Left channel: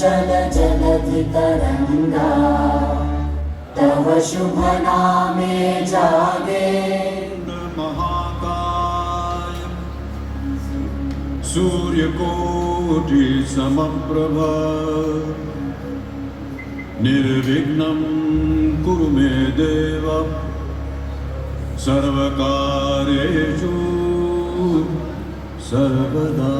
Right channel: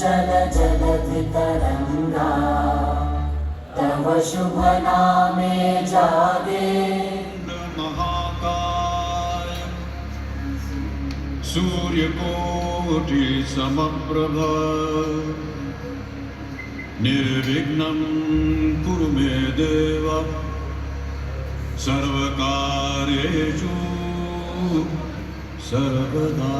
चञ्चल जलधि तरङ्गा तव शुभ नामे जागे महाकाय सूर्यकोटि समप्रभ निर्विघ्नं कुरु मे देव सर्वकार्येषु सर्वदा।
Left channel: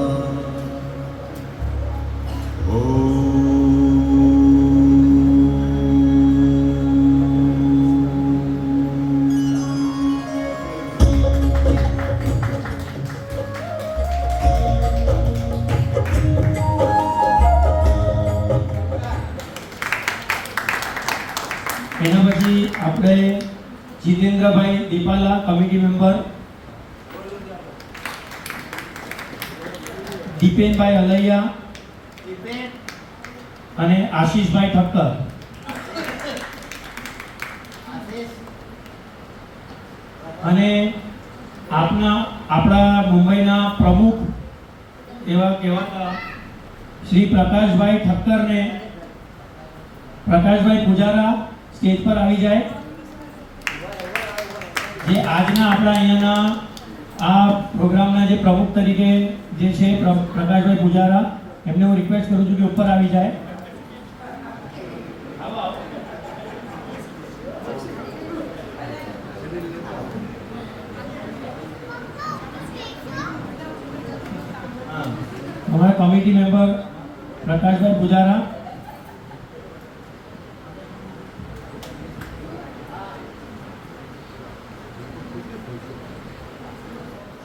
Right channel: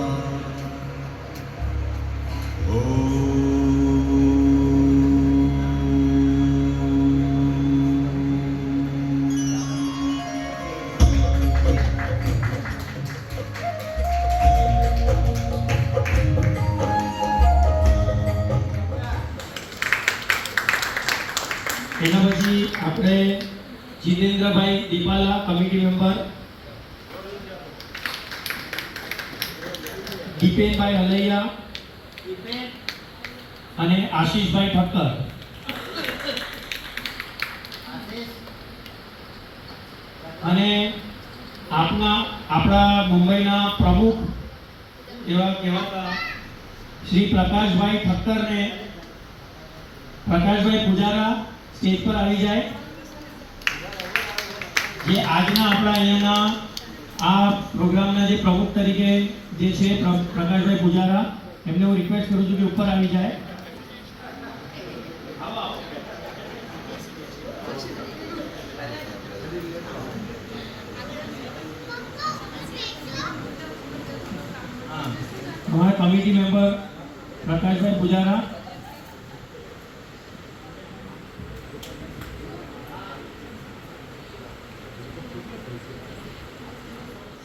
એના પછી આપણે જીતેન્દ્રભાઈ દીપાલા કમિટી મેમ્બર, દીપેનભાઈ અલૈયા અને આશીષભાઈ ઠક્કર. અને આપણા મુંબઈના પ્રમુખ એવા કહેવાતા શ્રી પ્રકાશભાઈ ઠક્કરને પ્રકાશભાઈ પૂજારા સ્ટેજ પર આવી જાય, જે આજના આપણા અહીંયાના આ પ્રોગ્રામના જે પ્રમુખ તરીકે જે છે પ્રકાશભાઈ પૂજારા, એમને હું રિક્વેસ્ટ કરું છું કે ઉપર આવી જાય. हमारा कमिटी मेंबर प्रकाशभाई पुजारा,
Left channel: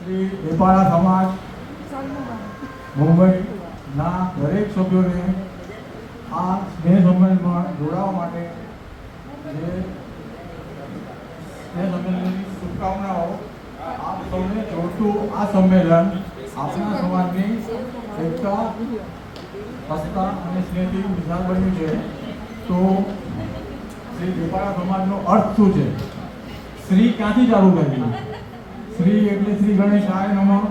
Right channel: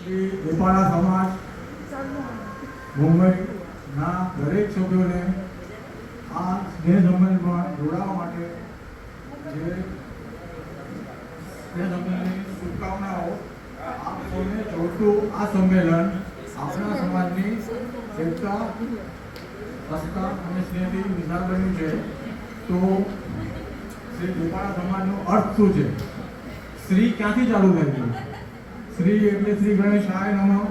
શ્રી દીપાલા સમાજ મુંબઈના દરેક સભ્યોને આ સ્નેહ સંમેલનમાં જોડાવા માટે જે સ્નેહ સંમેલનની શુભકામનાઓ. આપ સૌને જોડતું આ સંમેલન આપણા સમાજની એકતા, હસતા અને સ્નેહથી નિશાન બન્યું છે. તો શ્રી દીપાલા સમાજનો અર્થ શું છે? શ્રી ક્યાંથી ચાલુ થયું? શ્રી એટલે શ્રી ગણેશાય નમઃ,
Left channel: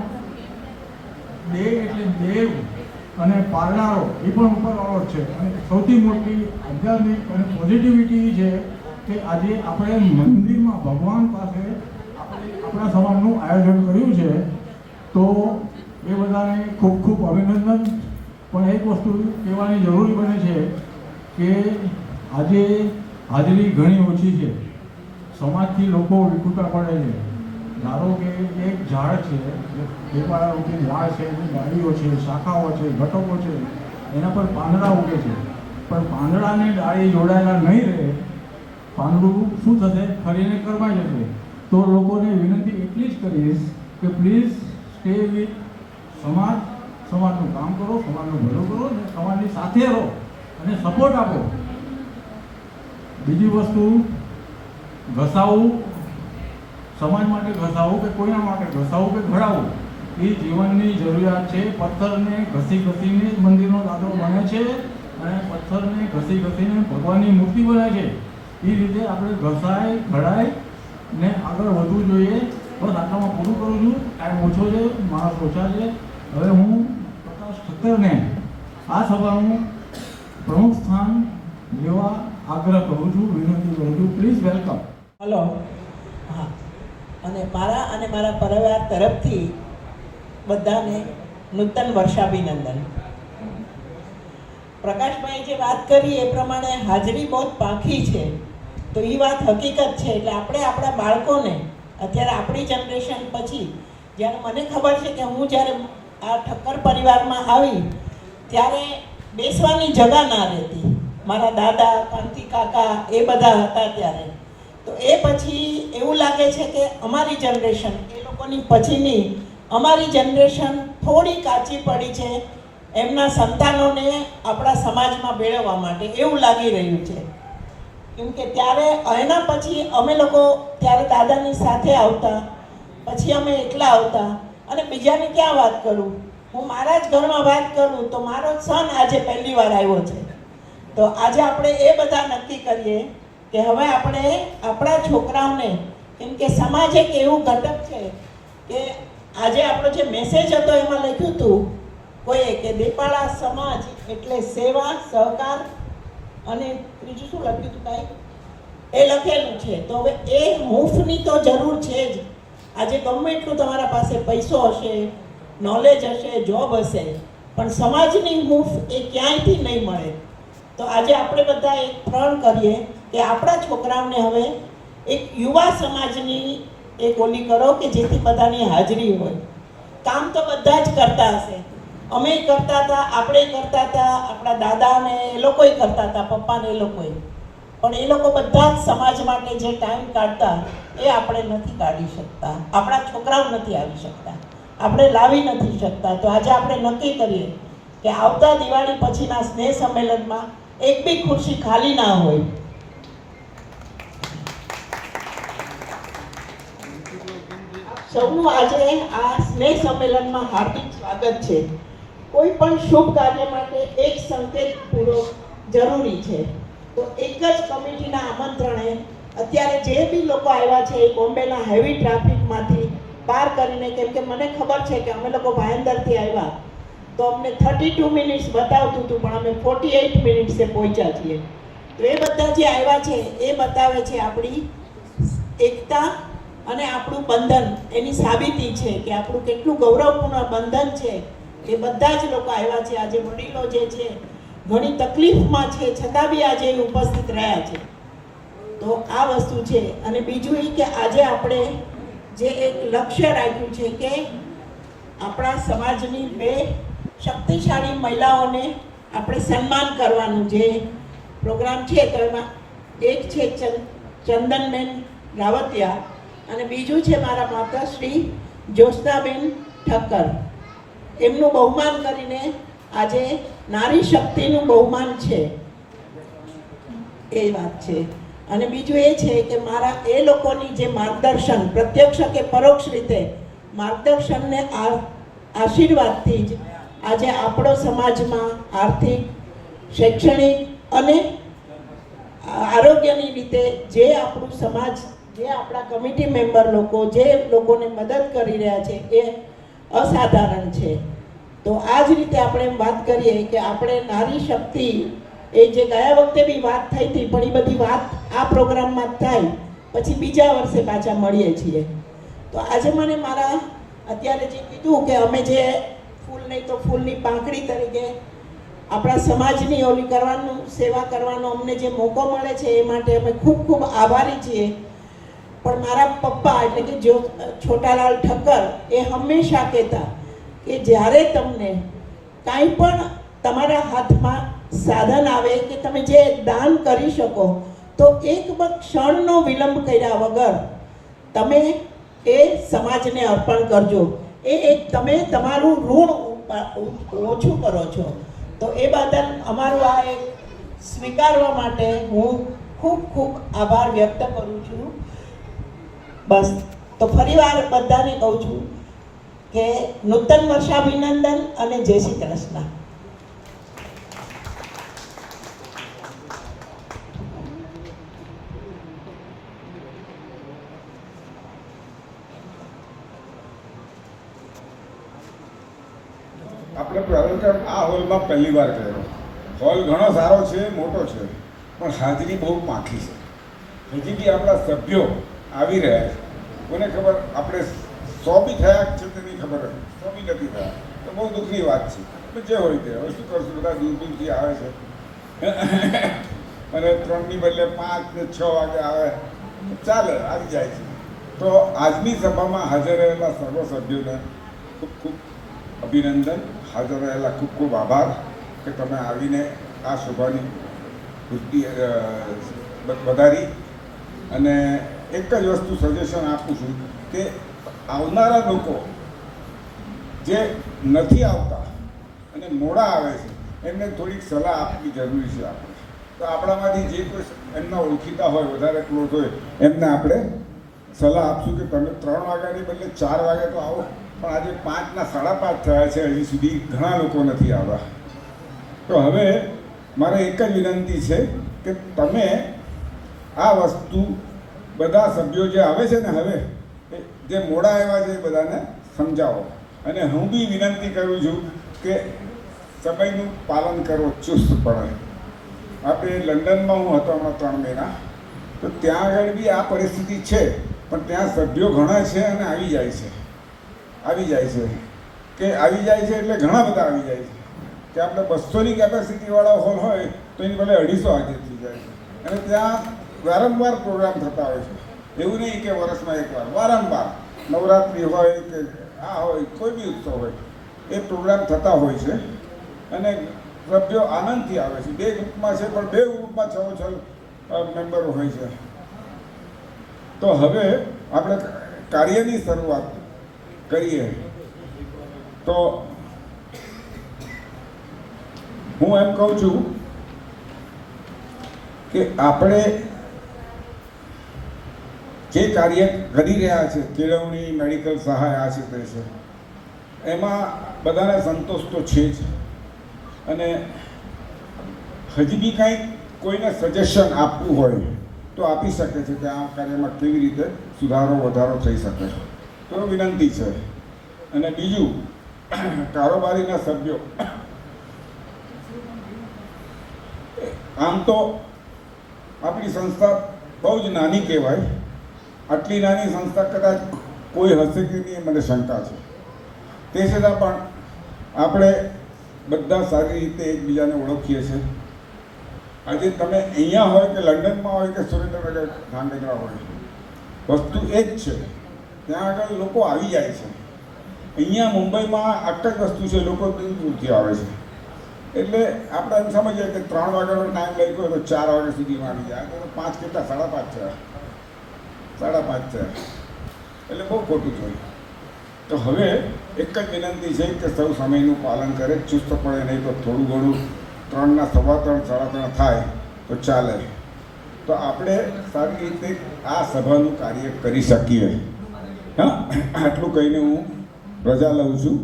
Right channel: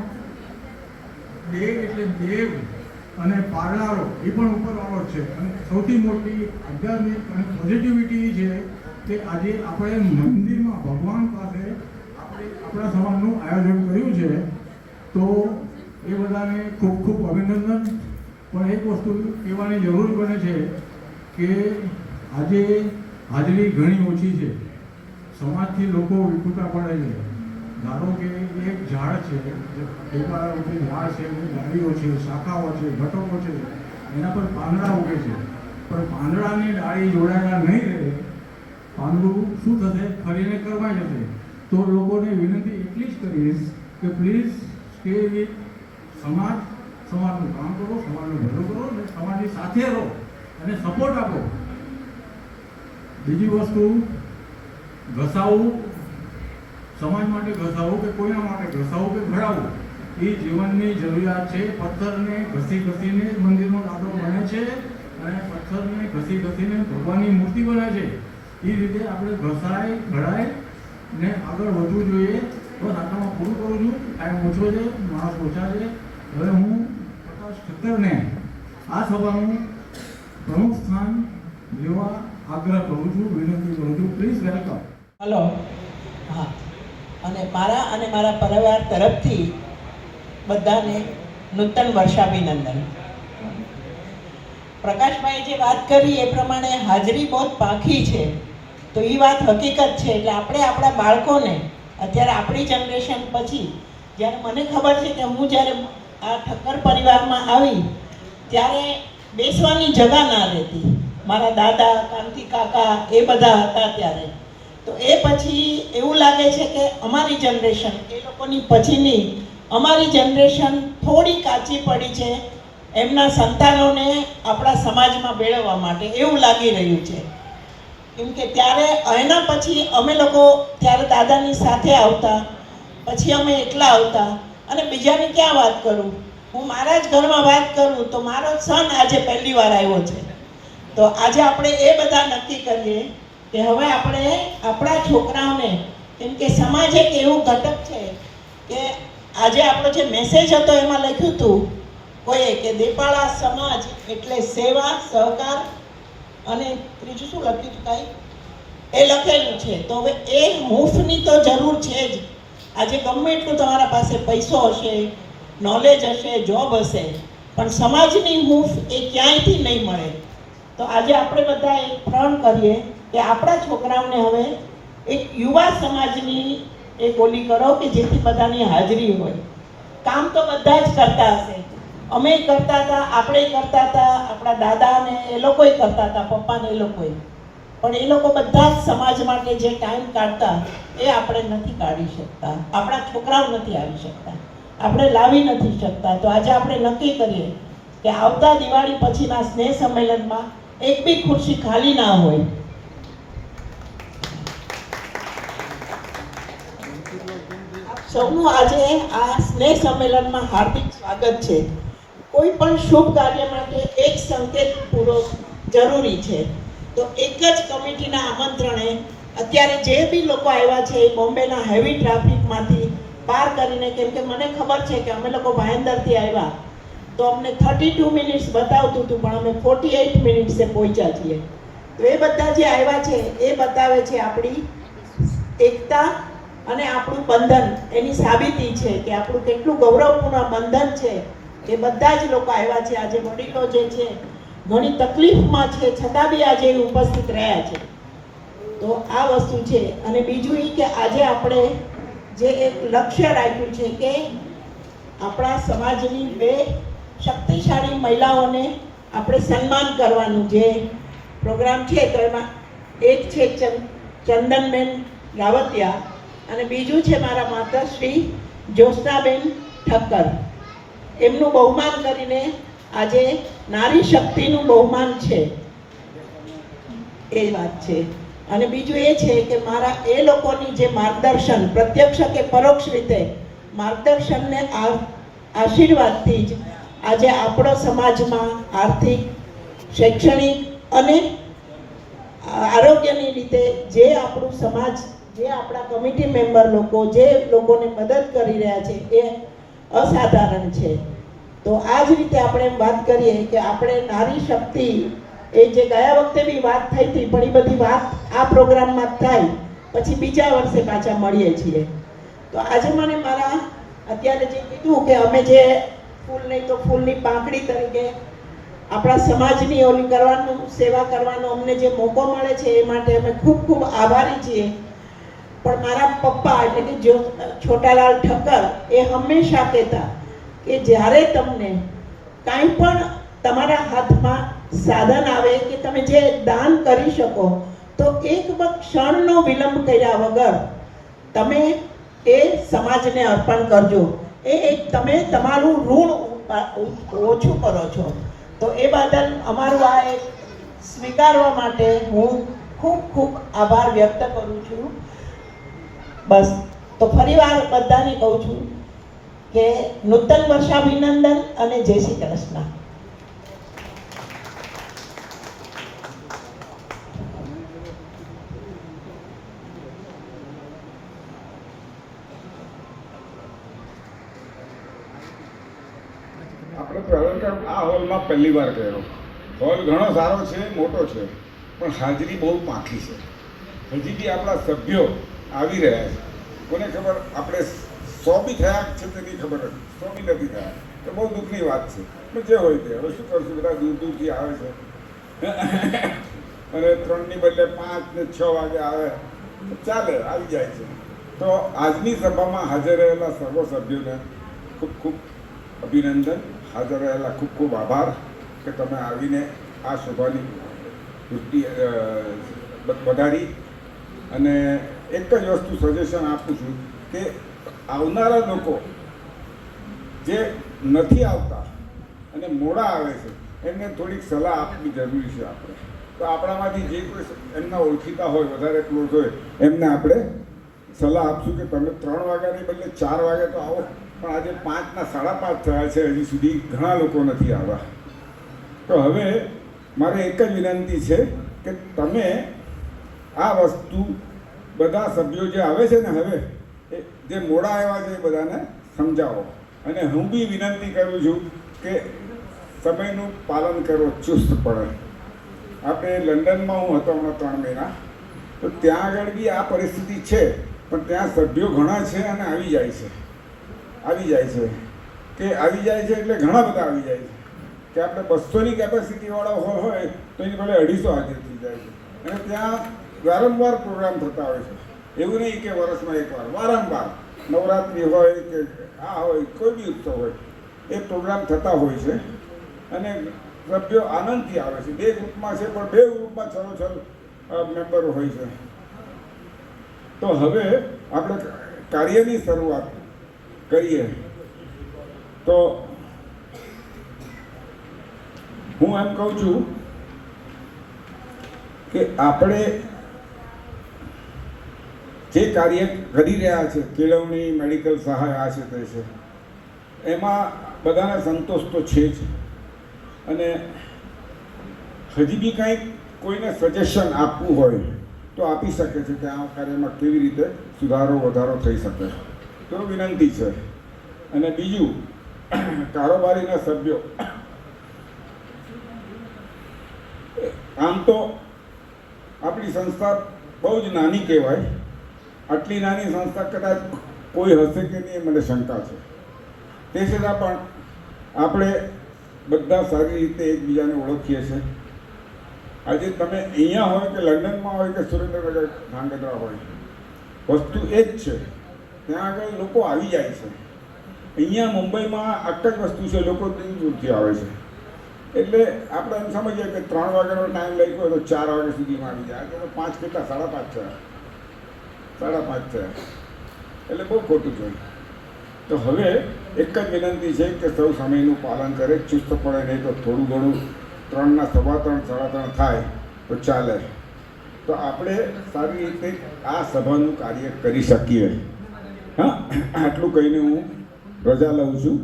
દેવ એટલે દેવ, અને પારનારો એ પણ ઉપરવાળો જ છે. અને સૌથી મોટી આધ્યાત્મિક અને પોઝિટિવિટી છે કે આજે આપણે મંદિરમાં ભગવાન પાસે આપણા સમાજનું આયોજન કર્યું છે. તો એ બધાને ખૂબ ખૂબ અભિનંદન. પણ એક વસ્તુ કહેવાની જરૂરી બને છે કે આજે હાજરી ઘણી ઓછી છે. સમાજથી લોકો વિખૂટા પડે છે. ધારો કે એક ઝાડ છે, દેવાળા રૂપી ઝાડ છે, એની ડાળીઓ છે, શાખાઓ છે, ઘટકો છે, એના પર પાંદડા ઉગે છે. પણ પાંદડાની ડાળી જોડાયેલા નહીં રહે, પાંદડું શું થશે? ફરીને કરવાઈ જશે. તો લોકોને વિનંતી એટલી જ કરીશ કે પ્લીઝ સ્ટે વિથ સમાજ, સમાજનું કામ કરો, સમાજનું ભલું કરો અને સમાજની સાથે રહો અને સપોર્ટ આપો. બીજી વસ્તુ, ઘસાવું, સમાજ માટે ઘસાવું કે કોઈના માટે ઘસાવું કે ઘડાવું એ જીવનની જરૂરિયાત છે. પથ્થરને ઘસી ઘસીને મંદિરનો દાદો બને છે અને પથ્થરને ઘસી ઘસીને ભગવાનની મૂર્તિ બને છે. એ રીતે આપણે ઘસાય, ઘડાય ને આગળ વધવું જોઈએ. બસ આટલામાં પૂરું કરું છું. ટાઈમ ઓછો છે, માણસ ઓછા છે. હવે હું પ્રકાશ ઠક્કરને આ સભાનું પ્રમુખ સ્થાન લેવા આગ્રહ કરું છું, વિનંતી કરું છું. Please welcome. હલો. હા, અને મારા પરિવાર તરફથી બધાને નૂતન વર્ષાભિનંદન. પ્રકાશભાઈએ જે વાત કરી એ પ્રમાણે હાજરી બહુ પાંખી છે, તો એ વાત હકીકત છે. એટલે આપણે આપણા બાળકોને અત્યારે આપણી જનરેશન પછી, જ્યારે મને ખબર છે કે હું જ્યારે આ ઠક્કર પરિવારમાં આવી ત્યારે બેસવાની જગા ના રહેતી. મારા દાદા, કાંતિ કાકા એ બધા હતા ત્યારે. તો એ પછી એવું લાગે છે કે અમારી જનરેશન, એ લોકોની પછીની અમારી જનરેશન થોડી કાચી પડી છે એમના સંતાનોને આપણા સમાજમાં ભેળવવા માટે, એવું લાગી રહ્યું છે. કેમ કે ત્યારે એના પછી અમે લોકો ત્યારે દાદાની સાથે આવતા, પછી અમે એકલા આવતા. અને બીજાની ક્યાં વાત કરું, હું મારા જ ઘરમાં વાત કરું તો મારો સન આજે પહેલી વાર આવ્યો છે. તો આજે આપણે એ બધા નક્કી કરીએ કે હવે આપણે આપણા છોકરાઓને, કેમ કે સમાજ એક એવું ઘટક છે કે આજે આપણો જે મેસેજ હતો એમાં લખ્યું હતું કોઈએ કે દેપાળા સમાજ એટલે સેવા, સહકાર અને ત્રીજું શું લખ્યું હતું કાંઈ એ લખેલું છે. તો હવે એ હૂંફની તો જરૂર છે જ. આજે ગમે એટલું તમારા પાસે પૈસો હશે, નોલેજ હશે, જોબ હશે, પણ સમાજની હૂંફ એ ક્યાંયથી નહીં મળે. તો આજે આપણે બધા એક પ્રણ કરીએ કે આપણા છોકરાઓને હવે એક યુવા સમાજની એક ઓલી કરો કે જેથી બધાની હાજરી હોય. કામ તો બધા જ કરતા હશે, અમે કરતા હતા, આપણે કરતા હતા, આપણા દાદાને એ લોકોય કરતા હતા, પપ્પાને એ લોકોય, પણ એ લોકો બધા જ સમાજ માટે જે ટાઈમ કાઢતા એ આપણે નથી કાઢી શકતા, આપણા છોકરાઓ નથી આવી શકતા, આપણે લાવી નથી શકતા. તો આજે આપણે નક્કી કરીએ કે આવતા દિવાળી પછીના સ્નેહ સંમેલનમાં એક બી ખુરશી ખાલી ના હોય. સૌનું આજે આ સ્નેહ સંમેલનમાં હાર્દિક સ્વાગત છે. કોઈ પણ શુભ કાર્ય માટે એક સંકેત પૂરો જરૂરી છે. તો એક જ કમિટીના આમંત્રણે અત્યારે જે બી લોકો આવ્યા છે એ બોમ્બેના હેવી ટ્રાફિકમાંથી પાર કરીને, કેમ કે મને ખબર છે કે અમે લોકો ભાયંદરથી આવ્યા તો અમને 32 મિનિટ્સ બતાવતું હતું, પણ અમે 48 મિનિટ્સે પહોંચ્યા છીએ. તો એ બધા જે આવ્યા છે એ બતાવે છે આપણી એકતા અને આપણું બંધન, એની સાબિતી છે કે આપણું કેટલું ગૌરવપૂર્ણ બંધન છે. એ બધા જ લોકો આવ્યા છે. આજે વડીલો જે છે ઘણી તકલીફમાં છે, છતાં બી આજે ઉપસ્થિત રહ્યા છે. તો આ વસ્તુ છે. અને બીજું એ કે આજે આપણે જે એક લક્ષ્ય રાખ્યું છે કે આપણા સમાજની 2 શક્તિશાળી મહિલાઓને આપણે સન્માન કરવાનું જે પ્રોગ્રામ છે. તો એમાં એક છે ચંદનબેન રાવતિયા અને બીજું છે મારા માતાશ્રી જ્યોત્સનાબેન ઠક્કર. એમનું બહુમાન કરીને આજે નારી શક્તિનું બહુમાન છે, એ વાત છે. અને બીજું એ છે કે મારા એ લોકોની જે માર્ગદર્શન પ્રત્યક્ષ કે પરોક્ષ રીતે માર્ગદર્શનને આશીર્વાદથી જ આજે આપણો સમાજમાં આર્થિક, શૈક્ષણિક અને આરોગ્યની રીતે જે આપણું સમાજ, જે આપણા કમિટી મેમ્બર લોકો જે લોકોને મદદ કરી રહ્યા છે એ અસાધારણ છે. તો આ જ રીતે આપણે એમ વાત કરીએ કે આપણે નારી શક્તિ, એ જે ગયા વખતે બી વાત થઈ હતી, પણ એ બધી વાત આ પ્રોગ્રામમાં થાય પછી બીજા વર્ષે પાછા મળીએ છીએ. તો આજે મને મારા અત્યારે જે કીધું કે અમે જે ફૂલ નહીં તો ફૂલની પાંખડી તરીકે આપણા સમાજની ઓલી કરવાનું, સેવા કરવાનો અમને જે મોકો મળે છે એ માટે અમે ખૂબ ખૂબ આભારી છીએ. પણ મારા પપ્પા એટલે કે છોટાલાલ ઠક્કર એ હંમેશા કહેતા કે જ્યારે તમને કાંઈ પણ તમારા હાથમાં સાધન આવે કે તમે જે દાન કરી શકો તો એક ક્ષણનો વિલંબ કર્યા વગર તમે એ સમાજને અર્પણ કરજો. એ એક તમે તમારું ઋણ ઓછું કરો છો. તો એ બદલ અમારું આ એક સ્વીકારવા માટે હું ખૂબ ખૂબ આભાર વ્યક્ત કરું છું. બસ. તો ફરીવાર બધાને કહું છું કે નૂતન વર્ષાભિનંદન અને જય શ્રી કૃષ્ણ. આપણે પ્રોગ્રામ આ હોલમાં પહેલી વાર કર્યો. હોલ ઘણો સારો છે, મોટો છે, પણ હાજરી બહુ પાકી છે. હજી બી આપણા સભ્યો આવી રહ્યા છે. કોને ખબર આપણે 100 બી થયા છે તેની ખબર હતી, 100 બી નથી થયા. તો બહુ દુઃખની વાત છે. પણ જે હોય તે હવે શું કરશું, બધા દૂર દૂરથી આવે છે અને 3ની બદલે 5 ને 6 વાગે આવે, ચાલે, આવી જાય છે. તો આજની સભામાં હાજર રહેલા સર્વ સભ્યોને ખૂબ ખૂબ અભિનંદન, હાજર રહેલા ખૂબ ખૂબ આભાર કે તમે આવીને આ સભાની પુષ્ટિ વધારી. અને એક જ વસ્તુ સજેશન આપું છું કે આવનારા લોકો જે નથી આવતા અને મોડા આવે છે એમને થોડીક સલાહ આપવી જરૂરી છે. આપણે તો આપણામાંથી જે કોઈ એમના ઓળખીતા હોય, વધારે ક્લોઝ હોય, એમને આપણે સલાહ આપશું કે તમે 3 વાગ્યાની બદલે 4 વાગે તો આવો. પણ આજે 5ના 5:30 થયા છે, હજી સુધી ઘણા લોકો નથી આવ્યા. તો હવે મારે એક જ વિનંતી છે કે તમે આ વસ્તુ બધા સભ્યો જે આવે છે ને હવે જે મોડા આવ્યા છે એ બધાને સમજાવો. અને હું બી વિનંતી કરું છું કે સમયનું પાલન કરો ચુસ્તપણે. આપણે લંડનમાં હું હતો હમણાં 3 મહિના, તો ત્યાં આગળ બી આ પરિસ્થિતિ છે, પણ ત્યાં સભ્યો ઘણા છે અને આવી જાય છે એટલે ઘણા બધા આવી જાય છે કે આપણે 200ની કેપેસિટીવાળા હોલ હોય તો એની ભલે 250 હાજર થઈ જાય છે. અને ત્યાં વારંવાર પ્રોગ્રામ થતા હોય છે, એવું નહીં કે વર્ષમાં એકવાર, વારંવાર નવરાત્રિ હોય કે આ હોય કોઈ બી ઉત્સવ હોય એ પ્રોગ્રામ થતા હોય છે અને સભ્યો આનંદથી આવે છે. 2 ગ્રુપમાં છે પણ 2 ગ્રુપમાં 6 મેમ્બરો હોય છે. તો હવે આપણે કાર્યની શરૂઆત કરીએ. તો હું એમ કહું છું કે આપણે જે કાર્ય કરી રહ્યા છે, કેળવણી, મેડિકલ સહાય, આ છે તે છે, એમાં બધાને સંતોષ તો છે જ. અને હજી બી કંઈક કોઈને સજેશન આપવું હોય તો આપી શકે છે કે આ કાર્યમાં કેવી રીતે સુધારો વધારો થઈ શકે, તો વિનંતી છે. અને બીજું, કારોબારીના સભ્યો, આમ તો આપણી સંસ્થા બહુ જ નાની કહેવાય. આટલી નાની સંસ્થા કદાચ કોઈ હશે કે નહીં મને શંકા છે. તે છતાં પણ આપણે બધા સારી રીતે એકબીજાને ઓળખીએ છીએ. આજે તમે અહીંયા હોય કે લંડનમાં હોય કે સુરેન્દ્રનગર, ધાંગધ્રા હોય, વસ્તુ એ જ છે. ત્યાં આગળ લોકો આવી જાય છે. અહીંયા મુંબઈમાં આ જ વસ્તુ છે, લોકો દૂર દૂરથી આવે છે. એટલે આપણે એમ સમજીએ કે 3 વાગ્યાનો ટાઈમ લઈ ગયો તો 4 વાગ્યા સુધીમાં આવી જાય. તો 5 કેટલા, 5:30 છે, 5:30 છે, એટલે બહુ ખોટું છે. તો હવે એક જ વિનંતી છે કે સૌ સમયનું પાલન કરે, ચુસ્ત પડે, નહીં તો થોડું ઘણું 3ના 3:15, 3:30 થાય તો ચાલે. તો આપણે સારી રીતે આ સભાનું કાર્ય કરી શકીએ. હા, આટલું કહીને હું રજા લઉં છું.